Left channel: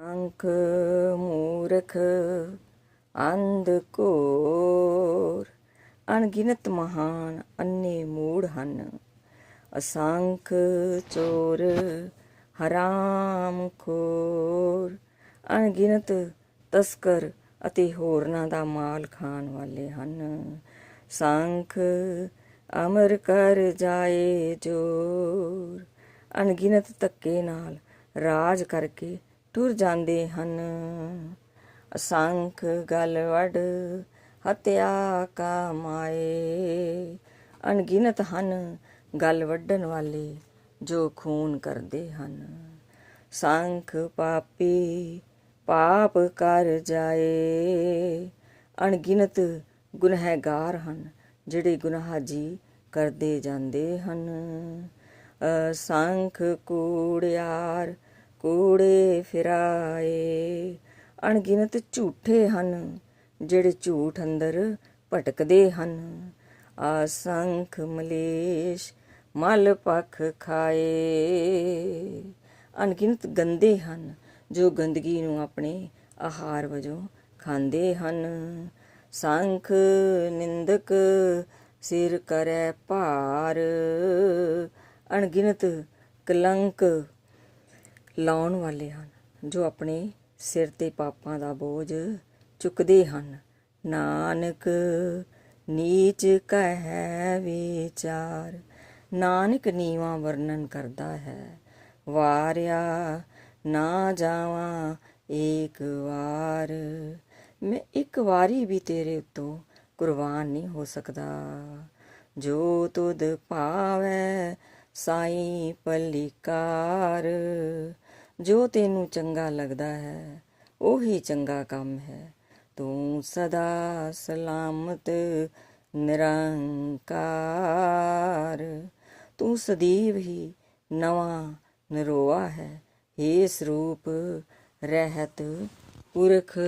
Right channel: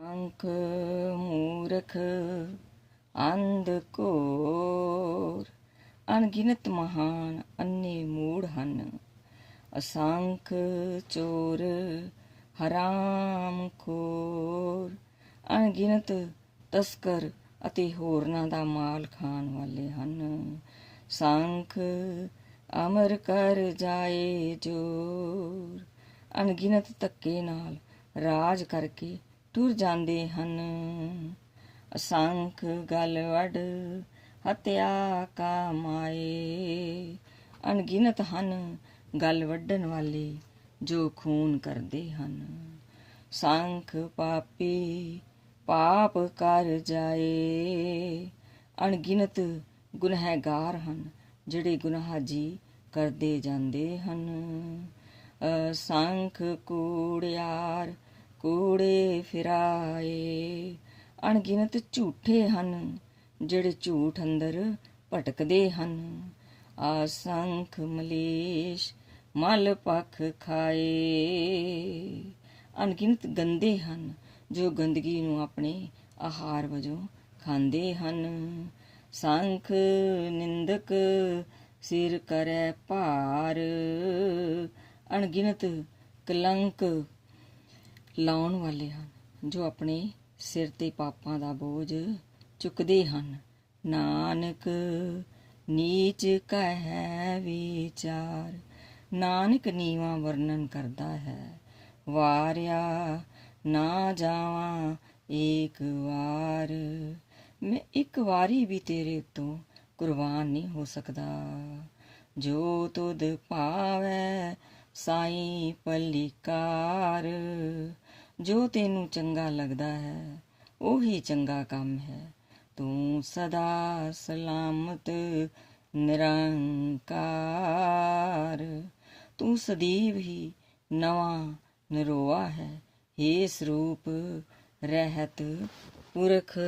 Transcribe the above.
ਅੰਕ ਮੂਰਖ ਅੰਧ ਘੋਰ ਅਣਗਿਣਤ ਮਹਾਨ ਅੰਨੇ ਮੂੜ ਹਨ ਅਸੰਖ ਚੋਰ ਹਰਾਮ ਖੋਰ ਅਣਗਿਣਤ ਤਸਕਰ ਅਤੇ ਹੋਰਨਾਂ ਦਾ ਮਾਲ ਖਾਣ ਵਾਲੇ ਹਨ ਸੰਖ ਅਮਰ ਕਰ ਜਾਏ ਜੋਰ ਅਣਗਿਣਤ ਧੱਕੇ ਨਾਲ ਰਾਜ ਕਰਕੇ ਟੁਰ ਜਾਂਦੇ ਹਨ। ਅਸੰਖ ਗਲ ਵਡ ਹਤਿਆ ਕਾ ਅਣਗਿਣਤ ਹਨ ਗਲ ਵੱਢਣ ਵਾਲੇ ਜੋ ਖੂਨ ਕਰਦੇ ਹਨ। ਸੰਖ ਪਾਪੀ ਪਾਪ ਕਰ ਜਾਏ। ਅਣਗਿਣਤ ਗੁਨਹਗਾਰ ਹਨ ਜਿਹੜੇ ਗੁਨਾਹ ਜੀ ਕਰਦੇ ਜਾਂਦੇ ਹਨ। ਅਸੰਖ ਕੂੜਿਆਰ ਕੂੜੇ ਫਿਰਾਏ। ਅਣਗਿਣਤ ਝੂਠੇ ਹਨ, ਜਿਹੜੇ ਝੂਠ ਅੰਦਰ ਭਟਕਦੇ ਹਨ। ਆਸੰਖ ਮਲੇਸ਼ ਮਲ ਪਖ ਖਾਏ। ਅਣਗਿਣਤ ਗੰਦੇ ਹਨ, ਜੋ ਗੰਦਗੀ ਨੂੰ ਆਪਣੇ ਆਹਾਰ ਵਜੋਂ ਖਾਂਦੇ ਹਨ। ਸੰਖ ਨਿੰਦਕ ਸਿਰ ਕਰੈ ਭਾਰ। ਅਣਗਿਣਤ ਕਲੰਕ ਲਾਉਣ ਵਾਲੇ ਹਨ, ਜੋ ਆਪਣੇ ਸਿਰ ਤੇ ਪਾਪਾਂ ਦਾ ਬੋਝ ਚੁੱਕਦੇ ਹਨ। ਨਾਨਕ ਨੀਚ ਕਹਿ ਵਿਚਾਰ, ਨਾਨਕ ਨੀਵਾ ਵਰਣਨ ਕਰਦਾ ਹੈ। ਵਾਰਿਆ ਨਾ ਜਾਵਾਂ ਏਕ ਵਾਰ, ਮੈਂ ਇੱਕ ਵਾਰੀ ਵੀ ਤੇਰੇ ਉਤੋਂ ਕੁਰਬਾਨ ਨਹੀਂ ਹੋ ਸਕਦਾ। ਜੋ ਤੁਧ ਭਾਵੈ, ਸਾਈ ਪਲਿਕਾਰ ਜੋ ਤੈਨੂੰ ਚੰਗਾ ਲੱਗਦਾ ਹੈ, ਉਹੀ ਚੰਗਾ ਕੰਮ ਹੈ। ਤੂੰ ਸਦਾ ਸਲਾਮਤ, ਨਿਰੰਕਾਰ। ਤੂੰ ਸਦੀਵ ਹੀ ਨਵਾਂ ਨਰੋਆ ਹੈ। ਏ ਸਰੂਪ, ਰਹਿਤ ਪੁਰਖ।